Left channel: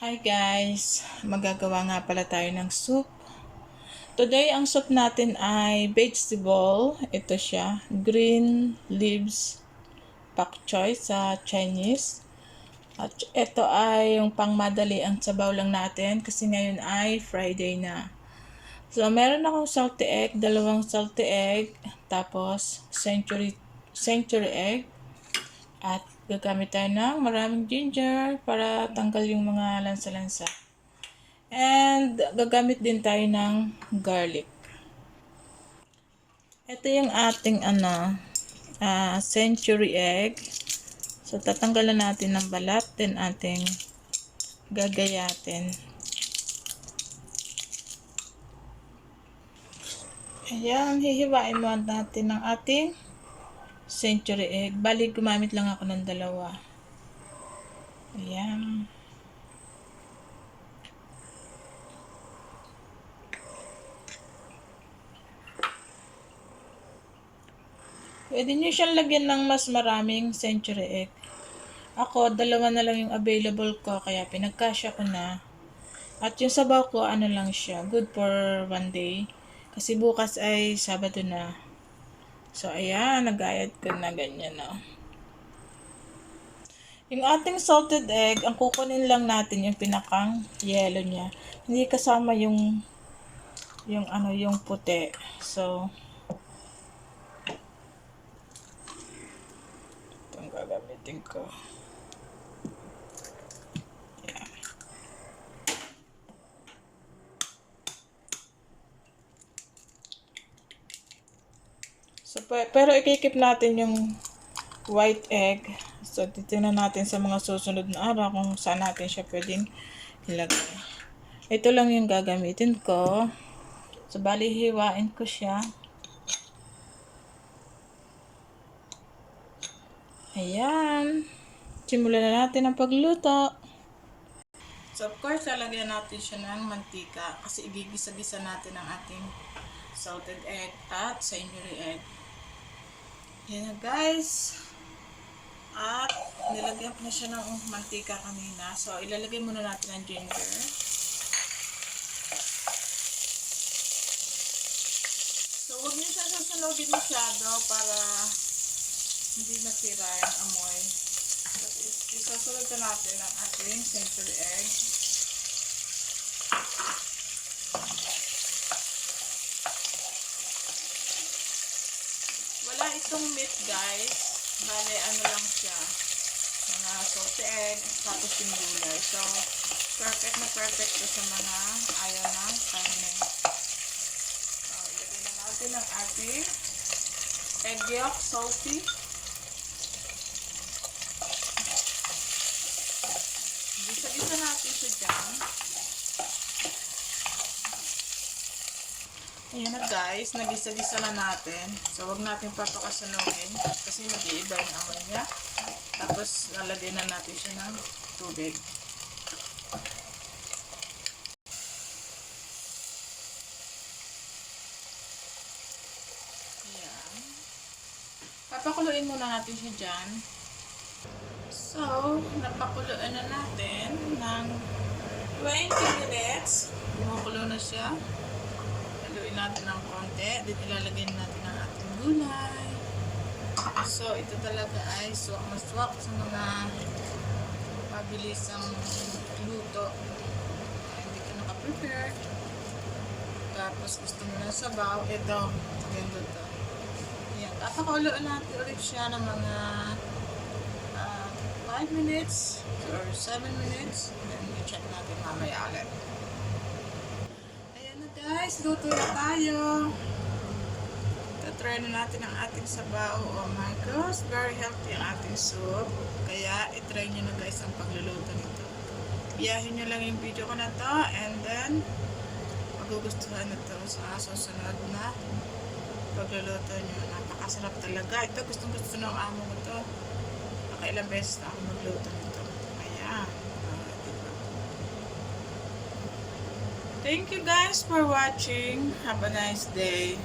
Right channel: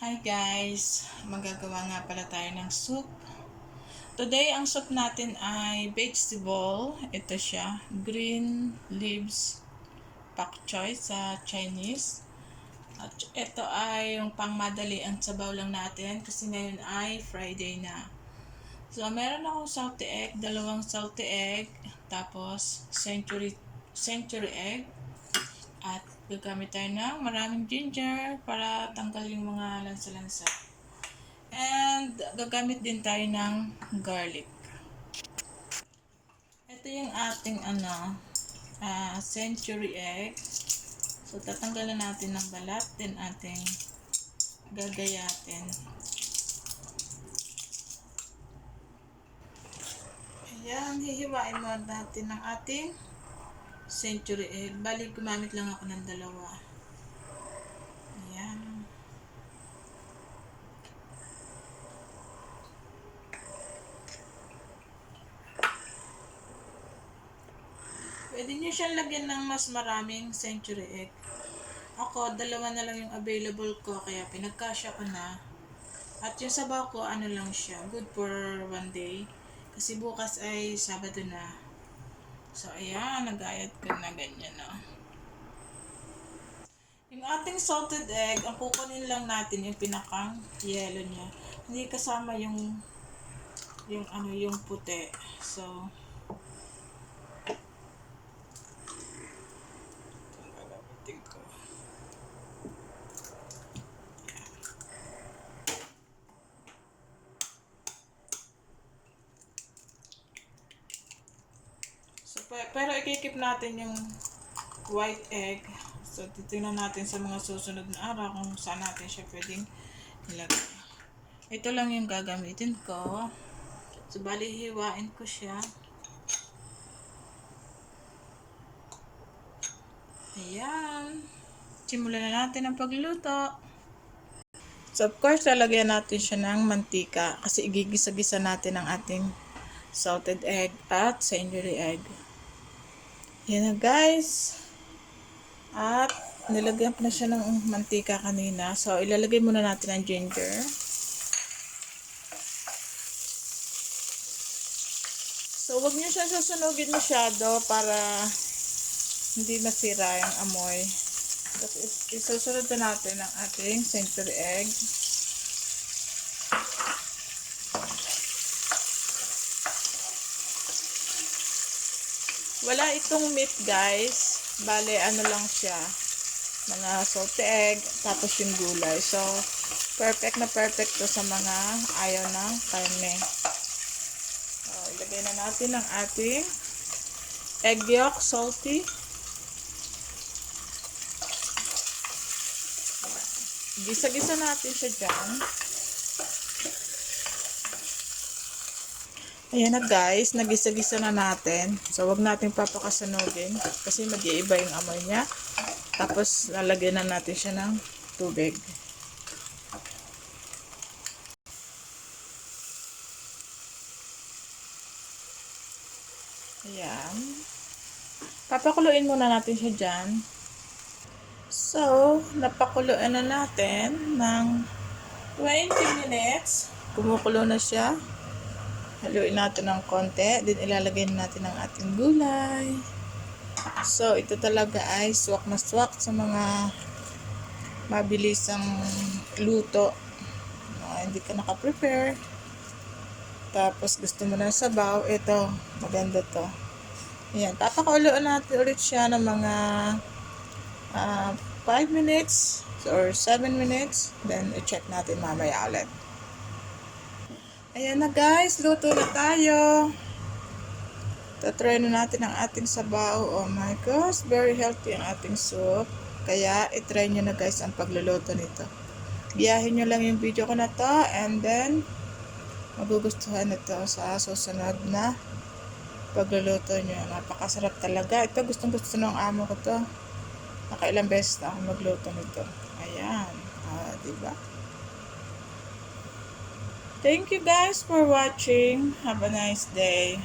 Hi guys! Magagawa nga pala tayo ng soup. Today, ang soup natin ay vegetable. Ito siya, green leaves pak choy sa Chinese. At ito ay yung pangmadali ang sabaw lang natin kasi ngayon ay Friday na. So, meron akong salty egg, dalawang salty egg, tapos century egg, at gagamit tayo ng maraming ginger para tanggal yung mga lansa-lansa. And gagamit din tayo ng garlic. Ito yung ating century egg. So tatanggalan natin ng balat, then ating gagayatin. Ayan, hihiwain mo natin ng ating century egg. Bali, gumamit lang ako ng dalawa. Ayan. Pwede nyo siyang lagyan ng mas maraming century egg. Ako, dalawa na lang yung available ko, kaya pinagkasya ko na. At yung sabaw ko, ano lang siya, good for one day. Kasi bukas ay Sabado na. So, ayan, nagayat ko na ganyan, no. Yung ating salted egg, ang kukunin lang natin yung pinakang yellow niya. Hindi kasama yung puti. So, itong gagamitin ko. So, pero ikikip natin yung white egg. So, titingnan natin sa mga susunod na araw kung saan natin siya pwedeng ilagay. Ito lang yung gagamitin ko. So, bali hiwain ko siya. Ayan. Simulan na natin ang pagluto. So, of course, lalagyan natin siya ng mantika kasi igigisa-gisa natin ang ating salted egg at century egg. Yan na guys. At nilagyan ko na siya ng mantika kanina. So, ilalagay muna natin ang ginger. So, huwag niyo siya susunugin masyado para hindi masira yung amoy. Tapos, isusunod na natin ang ating century egg. Wala itong meat guys. Bale, ano lang siya. Mga salty egg, tapos yung gulay. So, perfect na perfect to sa mga ayaw ng karne. So, ilagay na natin ang ating egg yolk, salty. Gisa-gisa natin siya dyan. Ayan na guys, nagisa-gisa na natin. So, wag natin papakasunogin kasi mag-iiba yung amoy niya. Tapos, lalagyan na natin siya ng tubig. Ayan. Papakuluin muna natin siya dyan. So, napakuluan na natin ng 20 minutes. Kumukulo na siya. Haluin natin ng konti. Then, ilalagay natin ang ating gulay. So, ito talaga ay swak na swak sa mga mabilisang luto. Hindi ka naka-prepare. Tapos, gusto mo na sabaw. Ito, maganda to. Ayan, papakuluan natin ulit siya ng mga 5 minutes or 7 minutes. Then, i-check natin mamaya ulit. Ayan na guys, luto na tayo. Tatry na natin ang ating sabaw. Oh my gosh, very healthy ang ating soup. Kaya, itry nyo na guys ang pagluluto nito. Biyahin nyo lang yung video ko na to and then, magugustuhan nito sa susunod na pagluluto nyo. Napakasarap talaga. Ito, gustong gusto ng amo ko to. Nakailang beses na ako magluto nito. Ayan. Diba? Thank you guys for watching. Have a nice day.